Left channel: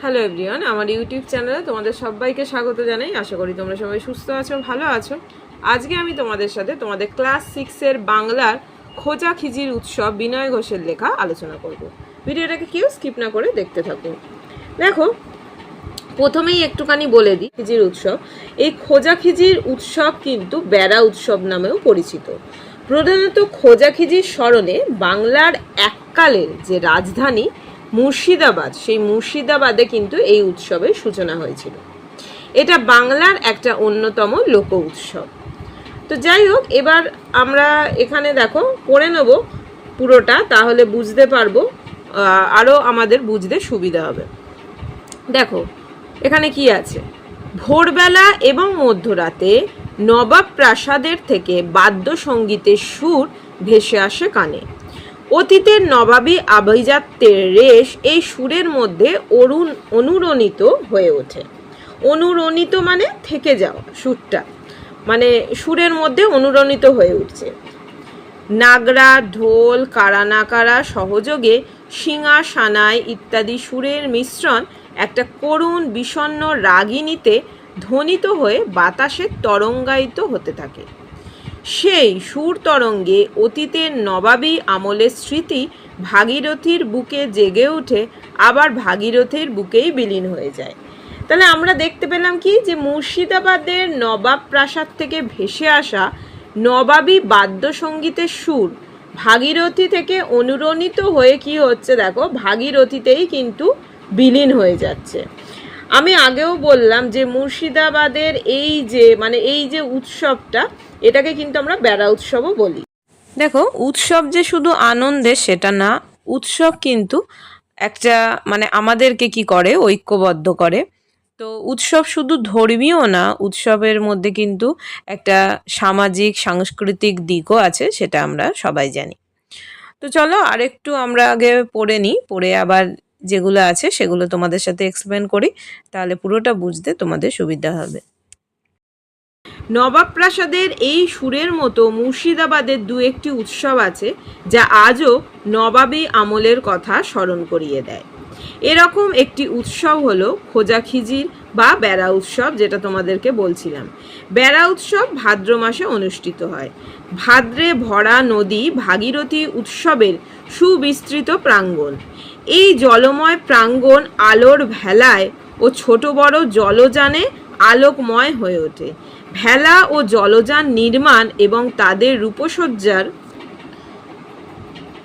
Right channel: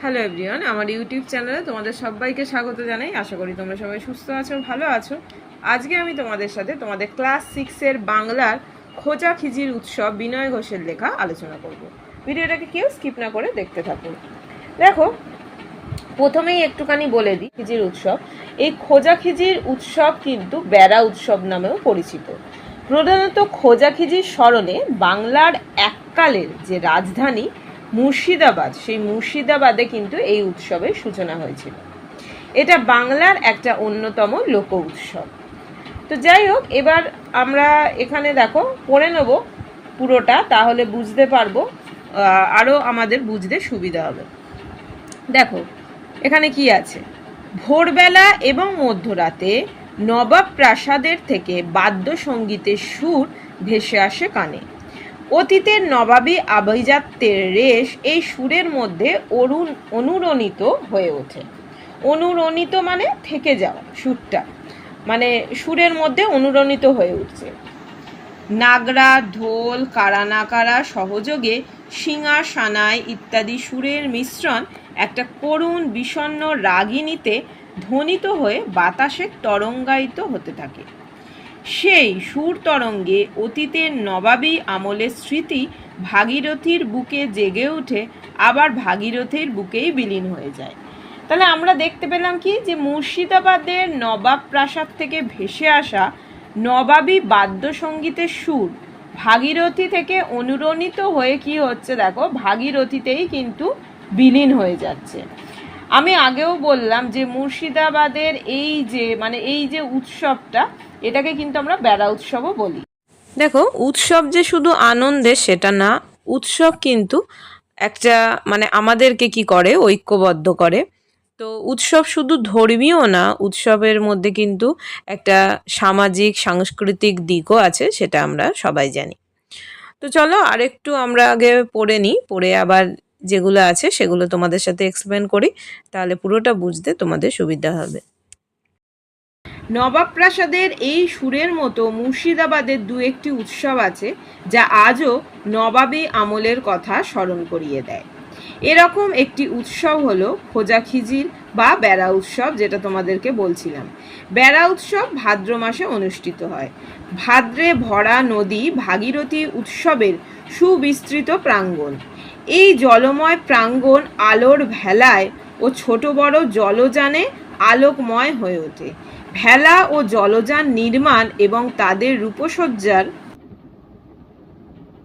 Hello everyone আমার YouTube চ্যানেলে তোমাদের সবাইকে স্বাগত জানাই। আশা করি তোমরা সবাই সুস্থ আছো, ভালো আছো। আজকে আমি তোমাদের সাথে তোমাদের ক্লাস সিক্সের বাংলার খোঁজা খিজির উৎসব বিনয় ঘোষের লেখা আলোচনা করব। ভিডিওটাকে কেউ স্কিপ না করে দেখতে থাকো। দেখো, প্রথমেই একটুখানি বলে দিই, খিজির উৎসব। এই খোঁজাখিজির উৎসব কিন্তু বেড়া উৎসব নামেও পরিচিত। প্রধানত খোঁজাখিজির স্মরণে বাংলার এককালের যে রাজধানী মুর্শিদাবাদ, সেই মুর্শিদাবাদে কিন্তু এই উৎসবের সূচনা হয়েছিল। এটা বাংলার একটা অন্যতম লোক উৎসব তো যাই হোক, এবার আমরা এখানে দেখো, পড়ে নেব পুরোটা, তাহলে বুঝতে পারব আরও আমাদের বুঝতে সুবিধা হবে। দেখো, এখানে কি আছে? ভোরবেলা এবং মধ্যরাতে নবাব প্রাসাদের থেকে বাদ্যসঙ্গীতের সুর ভেসে আসে কানে। অতীতের নবাবী আভিজাত্যের রেশ এই সুরের মধ্যে অরুণ অনুরণিত হয়ে ওঠে। অনুরণিত মানে থেকে যাওয়া সুরটা। মানে সুরের মধ্যে অনুরণিত হয়ে উঠছে। নাগরা, ঢোল, কারানাকারা সহযোগে শিঙা সানাই ইত্যাদি সুরের মিশ্রণ একটা করুণ বিষণ্ণ রাগিনীতে ধ্বনিত হয়ে বাতাসে তরঙ্গায়িত হতে থাকে। সেই সুর তরঙ্গে অতীতের নবাবী আমলের স্মৃতি ভাগীরথীর বুকে জেগে ওঠে, আবার ভাগীরথীর বুকেই বিলীন হয়ে যায়। তাহলে আমরা দেখতে পেলাম কি? যে মুর্শিদাবাদের নবাব প্রাসাদ থেকে ভেসে আসা নবাবী বাদ্যসঙ্গীতের সুর ভাগীরথী থেকে অনুরণিত হয়ে কি হচ্ছে? দেখো, ভাগীরথীতেই কিন্তু বিলীন হয়ে যাচ্ছে। আমি আগেও বললাম যে মুর্শিদাবাদের এই যে মানে এই যে উৎসবটা, এটাকে কিন্তু আমরা বেড়া উৎসবও বলি। দেখো, উৎসব যে শুধু আনন্দের সেটা না, উৎসব কিন্তু একটা মানে আমাদেরকে কি করে? ঐক্যবদ্ধ করে। তো উৎসব শুধু ধর্মীয় না, উৎসবের মধ্যে কিন্তু একটা সামাজিক, সাংস্কৃতিক দিকও আছে, সেটা আমরা সবাই জানি। তো চলো আরেকটু আমরা আগে পড়ে নিই, পড়ে আবার যেগুলো আছে সেগুলো তোমাদের সাথে এক্সপ্লেন করি, তাহলে পুরোটা বুঝতে তোমাদের সুবিধা হবে। নবাব প্রাসাদের এই সুরের মতো মুর্শিদাবাদের দু একটি উৎসব আছে, যা আজও নবাবী আমলের কথা স্মরণ করিয়ে দেয়। এরকম একটি উৎসব হলো খোঁজাখিজির বা বেড়া উৎসব, যেটা তোমাদেরকে বলছিলাম। বেড়া উৎসব ভাদ্র মাসে অনুষ্ঠিত হয়। ভাদ্রে ভরা নদী ভাগীরথী উৎসবের সুবিস্তৃত প্রাঙ্গণ। এই জলময় প্রাঙ্গণ আলোর ভেলায় ও ছোট বড় জলযানে আলোকময় হয়ে ওঠে। ভেলা ও জলযান নির্মাণ এবং তাদের রূপসজ্জার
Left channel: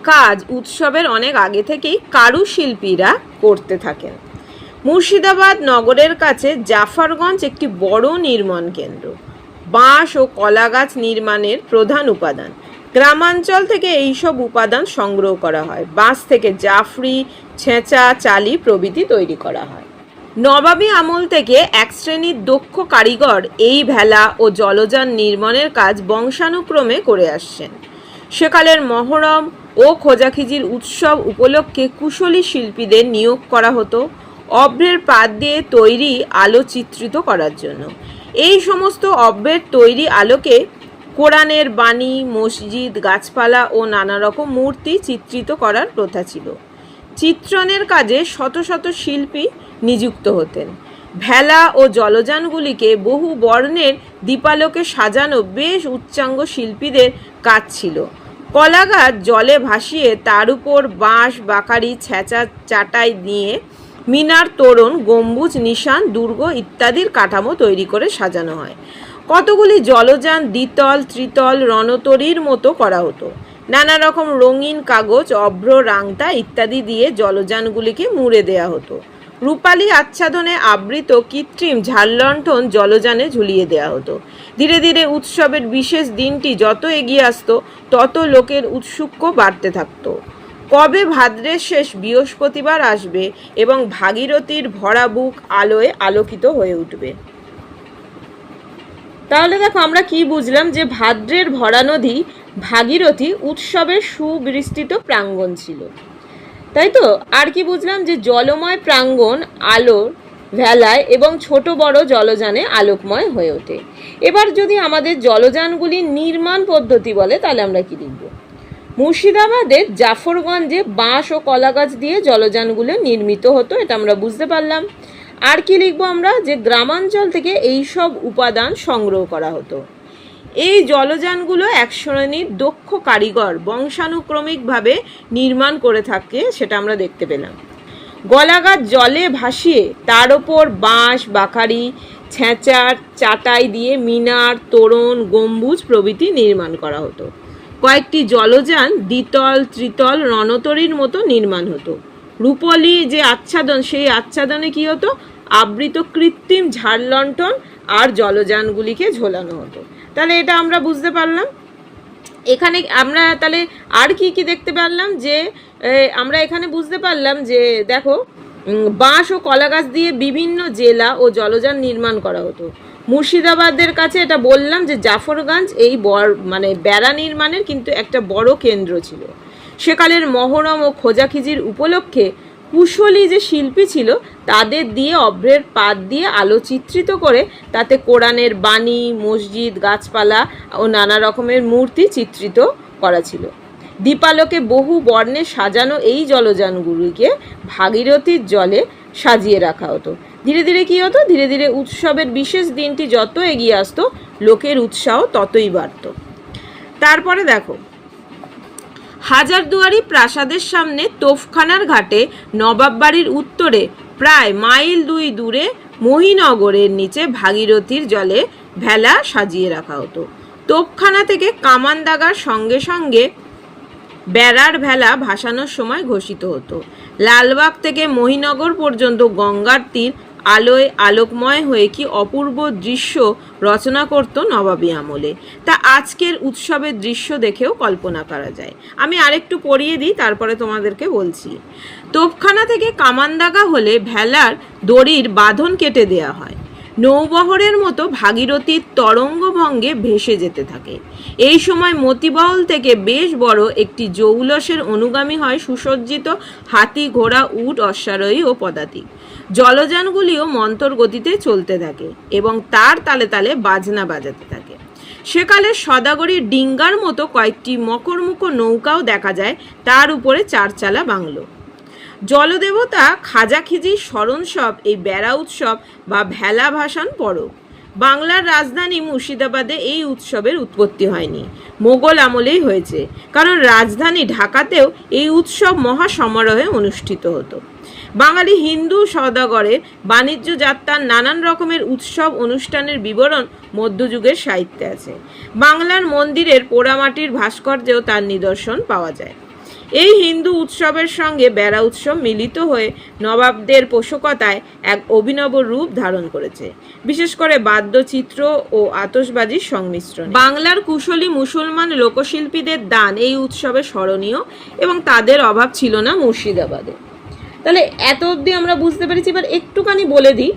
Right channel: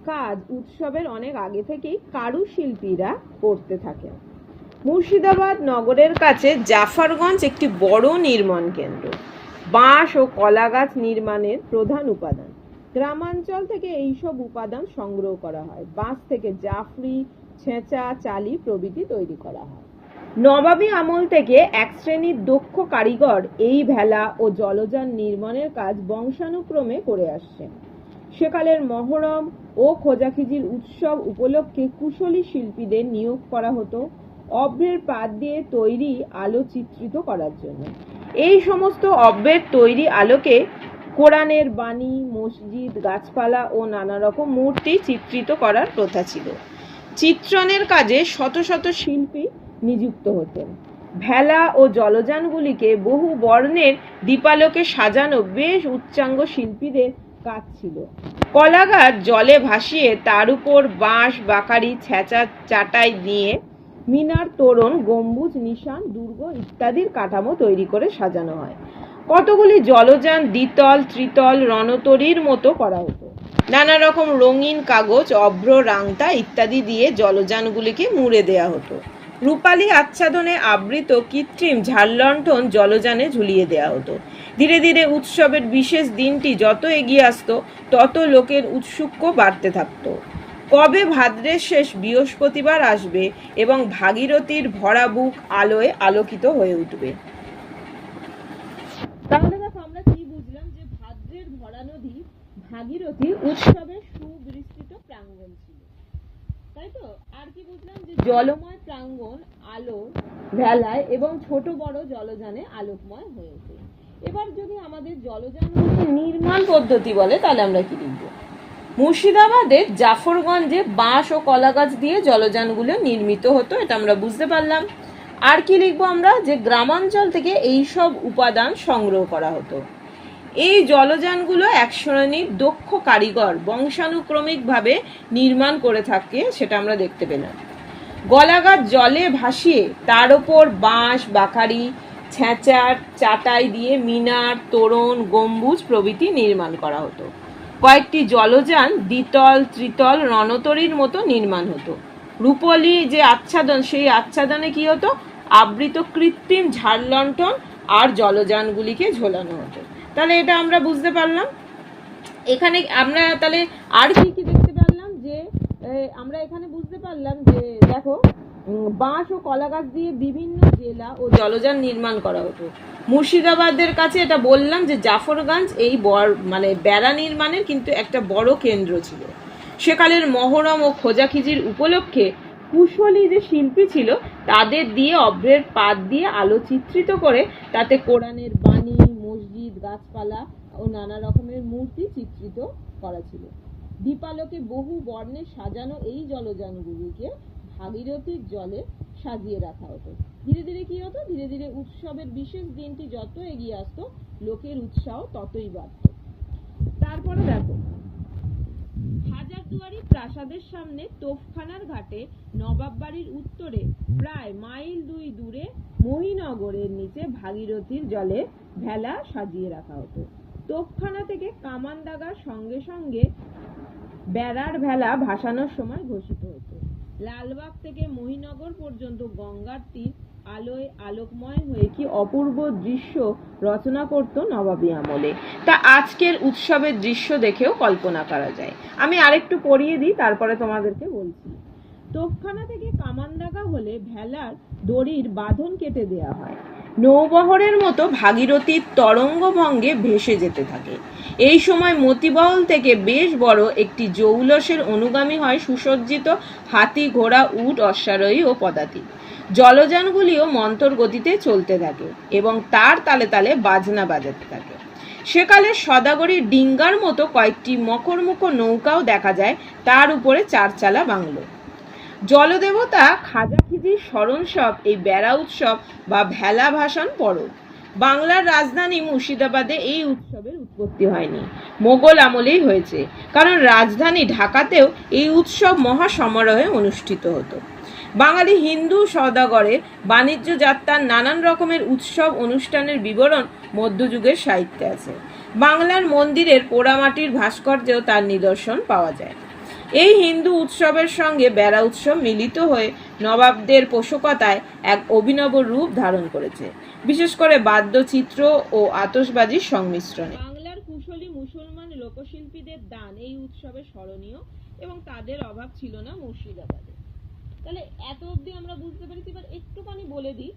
কাজ উৎসবের অনেক আগে থেকেই কারুশিল্পীরা করতে থাকেন। মুর্শিদাবাদ নগরের কাছে জাফরগঞ্জ একটি বড় নির্মাণ কেন্দ্র। বাঁশ ও কলা গাছ নির্মাণের প্রধান উপাদান। গ্রামাঞ্চল থেকে এইসব উপাদান সংগ্রহ করা হয়। বাঁশ থেকে জাফরি, ছেঁচা, চালি প্রভৃতি তৈরি করা হয়। নবাবী আমল থেকে এক শ্রেণির দক্ষ কারিগর এই ভেলা ও জলযান নির্মাণের কাজ বংশানুক্রমে করে আসছেন। সেকালের মহরম ও খোঁজাখিজির উৎসব উপলক্ষে কুশলী শিল্পীদের নিয়োগ করা হতো অভ্রের পাত দিয়ে তৈরি আলো চিত্রিত করার জন্য। এই সমস্ত অভ্রের তৈরি আলোকে কোরআনের বাণী, মসজিদ, গাছপালা ও নানা রকম মূর্তি চিত্রিত করার প্রথা ছিল। চিত্রণের কাজে শত শত শিল্পী নিযুক্ত হতেন। ভেলা ও জলযানগুলিকে বহু বর্ণের দীপালোকে সাজানো বেশ উচ্চাঙ্গ শিল্পীদের কাজ ছিল। কলাগাছ জলে ভাসিয়ে তার উপর বাঁশ, বাকারি, ছেঁচা, চাটাই দিয়ে মিনার, তোরণ, গম্বুজ, নিশান, দুর্গ ইত্যাদির কাঠামো তৈরি করে সাজানো হয়। কতগুলি জলযান, দ্বিতল, ত্রিতল, রণতরীর মতো করা হতো। নানা রকম রঙিন কাগজ, অভ্র রাংতা ইত্যাদি দিয়ে জলযানগুলিকে মুড়ে দেয়া হতো। রূপালী আচ্ছাদনে আবৃত কৃত্রিম ঝাড়লণ্ঠন জলযানে ঝুলিয়ে দেয়া হতো। ধীরে ধীরে উৎসবের বিশেষ দিনটি যত এগিয়ে আসতো, তত লোকের উৎসুক্য বাড়তে থাকতো। কবে ভাদ্রের শেষ বৃহস্পতিবার আসবে এবং ভাগীরথীর ভরা বুক আলোয় আলোকিত হয়ে উঠবে? তাহলে দেখো আমরা কি বুঝলাম যে ভাদ্রের ভরা নদী ভাগীরথী উৎসবের সুবিস্তৃত প্রাঙ্গণ ছিল। তাই তো? আর কি বুঝলাম যে জলময় প্রাঙ্গণ আলোর ভেলায় এবং ছোট বড় জলযানে আলোকময় হয়ে ওঠে। এবার যদি আমাদের জলযানগুলির নির্মাণ পদ্ধতি বলে, তাহলে আমরা কি লিখব? মুর্শিদাবাদের জাফরগঞ্জে বাঁশ ও কলা গাছ দিয়ে জলযানগুলো নির্মিত হতো, এটা আমরা বুঝতে পারলাম। আর কি লিখব আমরা? যে গ্রামাঞ্চল থেকে এই সব উপাদান সংগ্রহ করা হতো। এই জলযানগুলো এক শ্রেণির দক্ষ কারিগর বংশানুক্রমিকভাবে নির্মাণ করে থাকে, সেটা আমরা দেখতে পেলাম। গলাগাছ জলে ভাসিয়ে তার ওপর বাঁশ বাখারি ছেঁচার চাটাই দিয়ে মিনার, তোরণ, গম্বুজ প্রভৃতি নির্মাণ করা হতো। কয়েকটি জলযান দ্বিতল, ত্রিতল, রণতরীর মতো নির্মাণ হতো। রূপলি যে আচ্ছাদন, সেই আচ্ছাদনে কি হতো? আবৃত কৃত্রিম ঝাড়লণ্ঠন আর জলযানগুলিকে ঝোলানো হতো। তাহলে এটা আমরা বুঝতে পারলাম। এখানে আমরা তাহলে আর কি কি দেখতে পারলাম? যে আমরা এখানে বুঝতে পারলাম যে, দেখো বাঁশ ও কলা গাছ দিয়ে বিভিন্ন জেলা ও জলযান নির্মাণ করা হতো। মুর্শিদাবাদের কাছে এটা বললাম যে, জাফরগঞ্জ এই বড় মানে বেড়া নির্মাণের কিন্তু একটা বড় কেন্দ্র ছিল। সেকালের মহরম ও খোঁজাখিজির উপলক্ষে কুশলী যে শিল্পী ছিল, তাদের দিয়ে অভ্রের পাত দিয়ে আলো চিত্রিত করে তাতে কোরআনের বাণী, মসজিদ, গাছপালা ও নানা রকমের মূর্তি চিত্রিত করা ছিল। দীপালোকে বহু বর্ণে সাজানো এই জলযানগুলিকে ভাগীরথীর জলে সাজিয়ে রাখা হতো। ধীরে ধীরে কী হতো? ধীরে ধীরে উৎসবের বিশেষ দিনটি যত এগিয়ে আসতো, লোকের উৎসাহ ততই বাড়ত। তারপরে দেখো হাজারদুয়ারি প্রাসাদের সামনে তোফখানার ঘাটে নবাব বাড়ির উত্তরে, প্রায় মাইল দুই দূরে মহিনগরের নিচে ভাগীরথীর জলে ভেলা সাজিয়ে রাখা হতো। তোপখানা থেকে কামান দাগার সঙ্গে সঙ্গে বেড়ার ভেলা ভাসানোর সময় ঘোষিত হতো। লালবাগ থেকে মহিনগর পর্যন্ত গঙ্গার তীর আলোয় আলোকময় হয়ে কি অপূর্ব দৃশ্য রচনা করত নবাবী আমলে। তা আজকের উৎসবের দৃশ্য দেখেও কল্পনা করা যায়। আমি আরেকটু পড়িয়ে দিই, তারপরে তোমাদেরকে বলছি। তোপখানা থেকে কামানদাগা হলে ভেলার দড়ির বাঁধন কেটে দেয়া হয়। নৌবহরের মতো ভাগীরথীর তরঙ্গভঙ্গে ভেসে যেতে থাকে। এই সময় মতিবহল থেকে বেশ বড় একটি জৌলসের অনুগামী হয় সুসজ্জিত হাতি, ঘোড়া, উট, অশ্বারোহী ও পদাতিক। জলযানগুলিও মন্তর গতিতে চলতে থাকে এবং তার তালে তালে বাজনা বাজাতে থাকে। সেকালে সদাগরী ডিঙ্গার মতো কয়েকটি মকরমুখ নৌকাও দেখা যায়, তার উপরে চারচালা বাংলো। জলদেবতা খাজাখিজির স্মরণসব, এই বেড়া উৎসব বা ভেলা ভাসান পরব। বাংলার রাজধানী মুর্শিদাবাদে এই উৎসবের উৎপত্তি হয়নি। মোগল আমলেই হয়েছে, কারণ রাজধানী ঢাকাতেও এই উৎসব মহা সমারোহে অনুষ্ঠিত হতো। বাঙালি হিন্দু সওদাগরের বাণিজ্য যাত্রার নানান রকমের উৎসব অনুষ্ঠানের বিবরণ মধ্যযুগের সাহিত্যে আছে। বাংলার মন্দিরের পোড়ামাটির ভাস্কর্যেও তার নিদর্শন পাওয়া যায়। এই হিন্দু উৎসবের সঙ্গে বেড়া উৎসব মিলিত হয়ে নবাবদের পোষকতায় এক অভিনব রূপ ধারণ করেছে। বিশেষ করে বাদ্যচিত্র ও আতশবাজির সংমিশ্রণ। বাংলার কুশলী মুসলমান লোকশিল্পীদের দান এই উৎসবে স্মরণীয় এবং তাদের অভাব ছিল না মুর্শিদাবাদে। তাহলে এত অবধি আমরা বুঝতে পেরেছি, এবার একটুখানি বলে দিই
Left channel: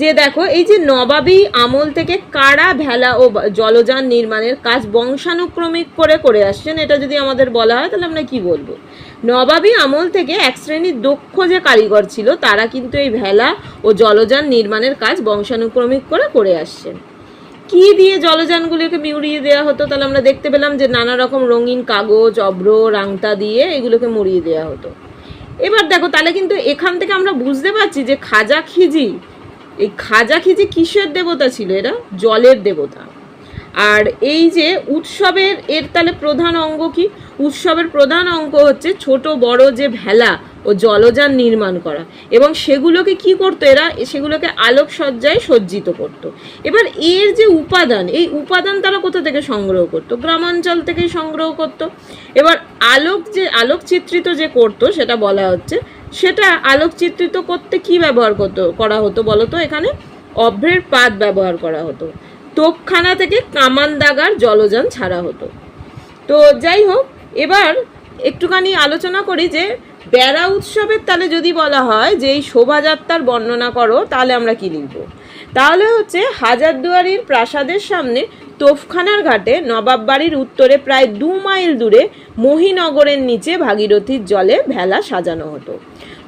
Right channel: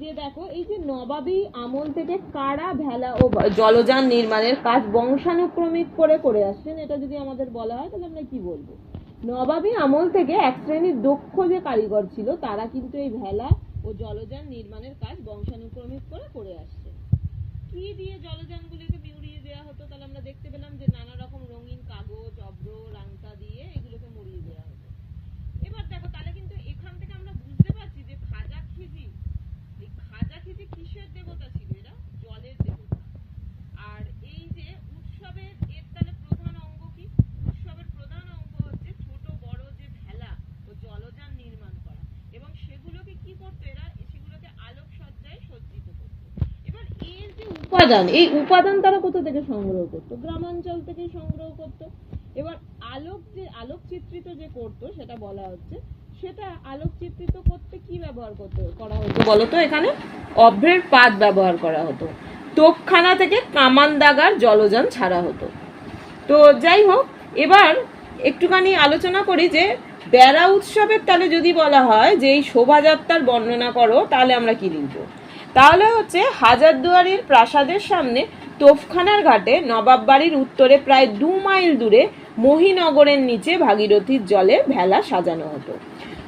যে দেখো, এই যে নবাবী আমল থেকে কারা ভেলা ও জলযান নির্মাণের কাজ বংশানুক্রমিক করে করে আসছেন, এটা যদি আমাদের বলা হয়, তাহলে আমরা কি বলব? নবাবী আমল থেকে এক শ্রেণির দক্ষ যে কারিগর ছিল, তারা কিন্তু এই ভেলা ও জলযান নির্মাণের কাজ বংশানুক্রমিক করে করে আসছেন। কি দিয়ে জলযানগুলোকে মুড়িয়ে দেওয়া হতো? তাহলে আমরা দেখতে পেলাম যে নানা রকম রঙিন কাগজ, অব্র রাংতা দিয়ে এগুলোকে মুড়িয়ে দেওয়া হতো। এবার দেখো, তাহলে কিন্তু এখান থেকে আমরা বুঝতে পারছি যে খাজা খিজি, এই খাজা খিজি কিসের দেবতা ছিল এরা? জলের দেবতা। আর এই যে উৎসবের, এর তাহলে প্রধান অঙ্গ কি? উৎসবের প্রধান অঙ্গ হচ্ছে ছোট বড় যে ভেলা ও জলযান নির্মাণ করা। এবং সেগুলোকে কি করতো এরা? সেগুলোকে আলোকসজ্জায় সজ্জিত করত। এবার এর যে উপাদান, এই উপাদান তারা কোথা থেকে সংগ্রহ করত? গ্রামাঞ্চল থেকেই সংগ্রহ করত। এবার আলোক যে, আলোকচিত্রিত যে করতো, সেটা বলা হচ্ছে, সেটা আলোকচিত্রিত করতে কি ব্যবহার করতো, করা হতো বলো তো এখানে? অভ্রের পাত ব্যবহার করা হতো। তোপখানা থেকে কামান দাগার জলযান ছাড়া হতো। তো যাই হোক, এবার একটুখানি আলোচনা করি যে বেড়া উৎসবের তাহলে যদি বলা হয় যে এই শোভাযাত্রার বর্ণনা করো, তাহলে আমরা কি লিখব? তাহলে হচ্ছে হাজারদুয়ারির প্রাসাদের সামনে তোফখানার ঘাটে নবাব বাড়ির উত্তরে প্রায় দু মাইল দূরে মহিনগরের নিচে ভাগীরথীর জলে ভেলা সাজানো হতো।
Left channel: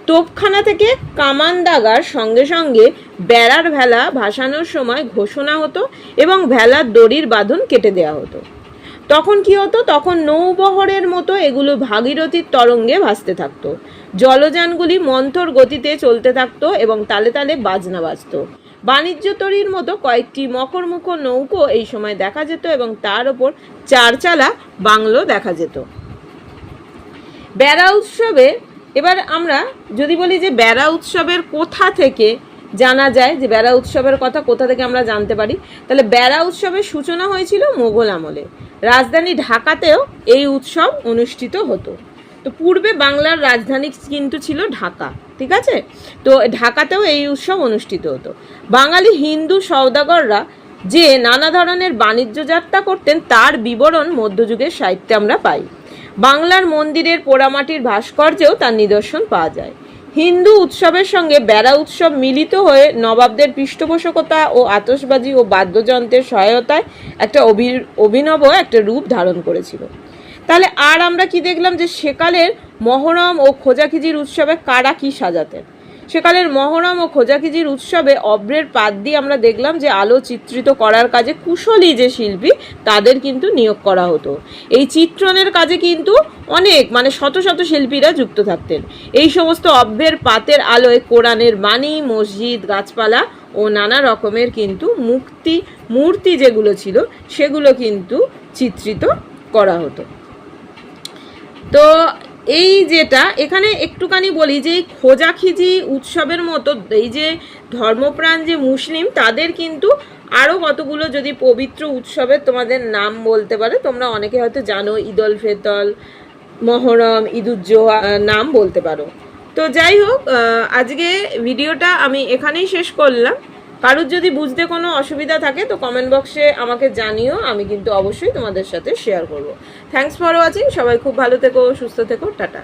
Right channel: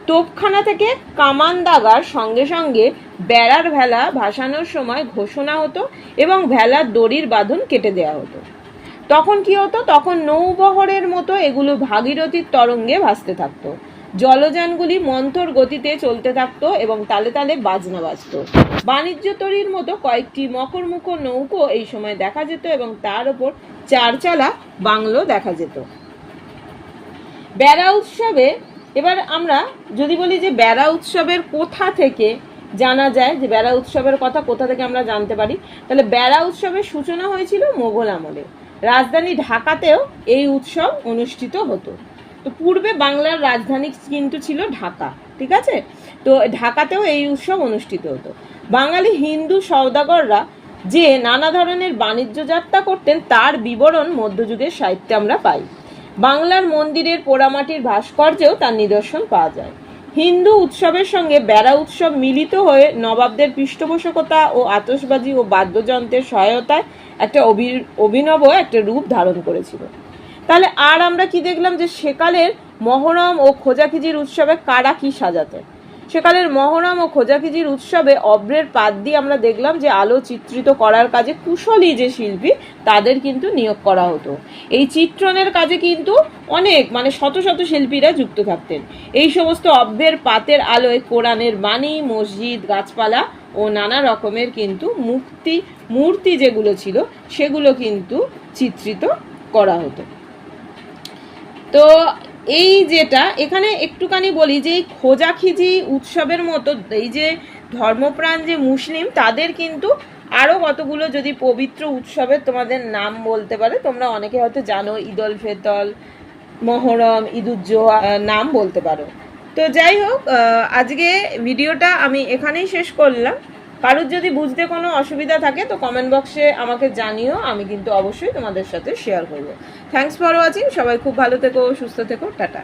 তোপখানা থেকে কামান দাগার সঙ্গে সঙ্গে বেড়ার ভেলা ভাসানোর সময় ঘোষণা হতো এবং ভেলার দড়ির বাঁধন কেটে দেওয়া হতো। তখন কি হতো? তখন নৌবহরের মতো এগুলো ভাগীরথীর তরঙ্গে ভাসতে থাকতো। জলযানগুলি মন্থর গতিতে চলতে থাকতো এবং তালে তালে বাজনা বাজতো। বাণিজ্য তরীর মতো কয়েকটি মকরমুখ নৌকো এই সময় দেখা যেত এবং তার ওপর চারচালা বাংলো দেখা যেত। বেড়া উৎসবে, এবার আমরা যদি বলি যে বেড়া উৎসবের কোথা থেকে জানা যায় যে বেড়া উৎসবের কথা কোথা থেকে আমরা জানতে পারি? তাহলে বেড়া উৎসবের সূচনা হয়েছিল মোগল আমলে। রাজধানী ঢাকাতেও এই উৎসব অনুষ্ঠিত হতো। তো পূর্বে বাংলার রাজধানী কিন্তু ছিল ঢাকা, ঠিক আছে? তো ঢাকাতেও এই উৎসব অনুষ্ঠিত হতো। বাঙালি হিন্দু সওদাগররা যে নানা ধরনের বাণিজ্য যাত্রা করতেন, তার বিবরণ মধ্যযুগের সাহিত্যে আমরা পাই। বাংলার মন্দিরের পোড়ামাটির ভাস্কর্যেও তার নিদর্শন পাওয়া যায়। হিন্দু উৎসবের সঙ্গে বেড়া উৎসব মিলিত হয়ে নবাবদের পৃষ্ঠপোষকতা ও আতসবাজি ও বাদ্যযন্ত্রের সহায়তায় একটা অভি- অভিনব একটা রূপ ধারণ করেছিল। তাহলে আর আমরা কি দেখলাম যে সেকালের মহরম ও খোঁজাখিজির উৎসবে কারা কি সাজাতেন? সেকালের মহরম ও খোঁজাখিজির উৎসবে অব্রের পাত দিয়ে আমরা দেখলাম যে আলো চিত্রিত করার কাজে কুশলী যে শিল্পী, তাদের কিন্তু নিয়োগ করা হতো। এই চিত্রণের কাজে কিন্তু অনেক মানে শত শত শিল্পীরা যুক্ত থাকতেন। এই সমস্ত অব্রের পাতের আলোয় কোরআনের বাণী, মসজিদ, গাছপালা ও নানা রকমের কিন্তু মুক্তি, মূর্তি যেগুলো ছিল, সেগুলো কিন্তু চিত্রিত করা হতো। তো এই যেটা, এখানে একটুখানি বলি যে এই খোঁজাখিজি উৎসবের মতো, এই যে ধর্মপ্রাণ যে মুসলিম, তাদের কিন্তু আরও কতগুলো যদি পবিত্র উৎসবের তোমাদের নাম বলতে পারে, তোমরা অনেকে হয়তো জানো, ঈদল ফেতল মহরম, ঈদুজ্জোহা নাম বলতে পারো। তো যাই হোক আজকে ভিডিওটা আমি এখানেই শেষ করলাম। কারোর যদি বুঝতে কোনো অসুবিধা থাকে, তো কমেন্ট বক্সে আমাকে জানিও, আমি কিন্তু অবশ্যই তোমাদের সাথে শেয়ার করব। থ্যাংকস ফর ওয়াচিং সবাই খুব ভালো থেকো, সুস্থ থেকো, টাটা।